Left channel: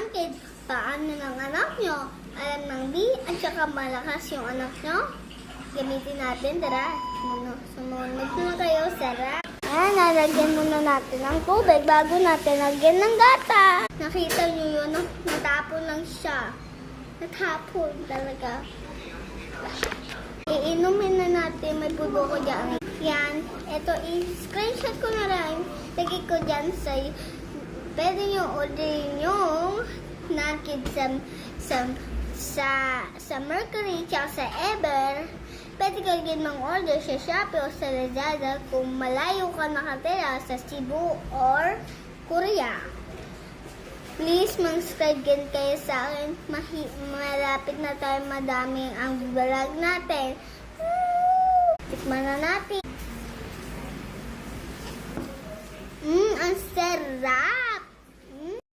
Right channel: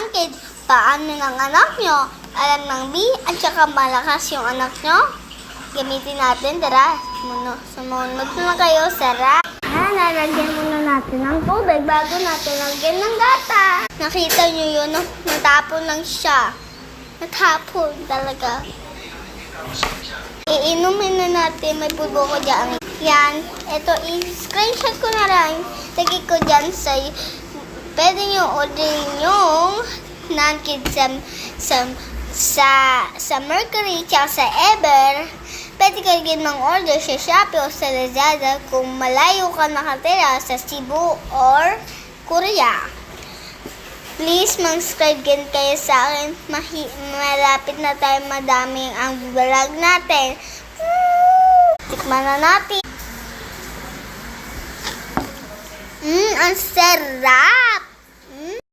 ng kid, paano ng anak nyo? Alam ng B at saka malakas yung anak nyo? Gamitin natin, tara. Sumunod na kayo, Sarah. Nalagyan muna natin ng tubig bago natin lagyan ng gata. Nakita nyo yun, no? Natapon lang siya. Natapon talaga. Iinumin na natin, may pulbo ko dyan. Yan, ito, i-screenshot ko na lang. Lagay ko dyan sa, pwede nyo orderin yung non-kid sa Mercury tsaka sa Ever. Pwede ka rin mang-order sa Shopee o sa Lazada kung malayo ka nakatira sa Cebu or Korea. Please, mag-subscribe din kayo sa akin. Malapit na tayo, madami ang vlog natin. Tikman na natin. Ang sarap!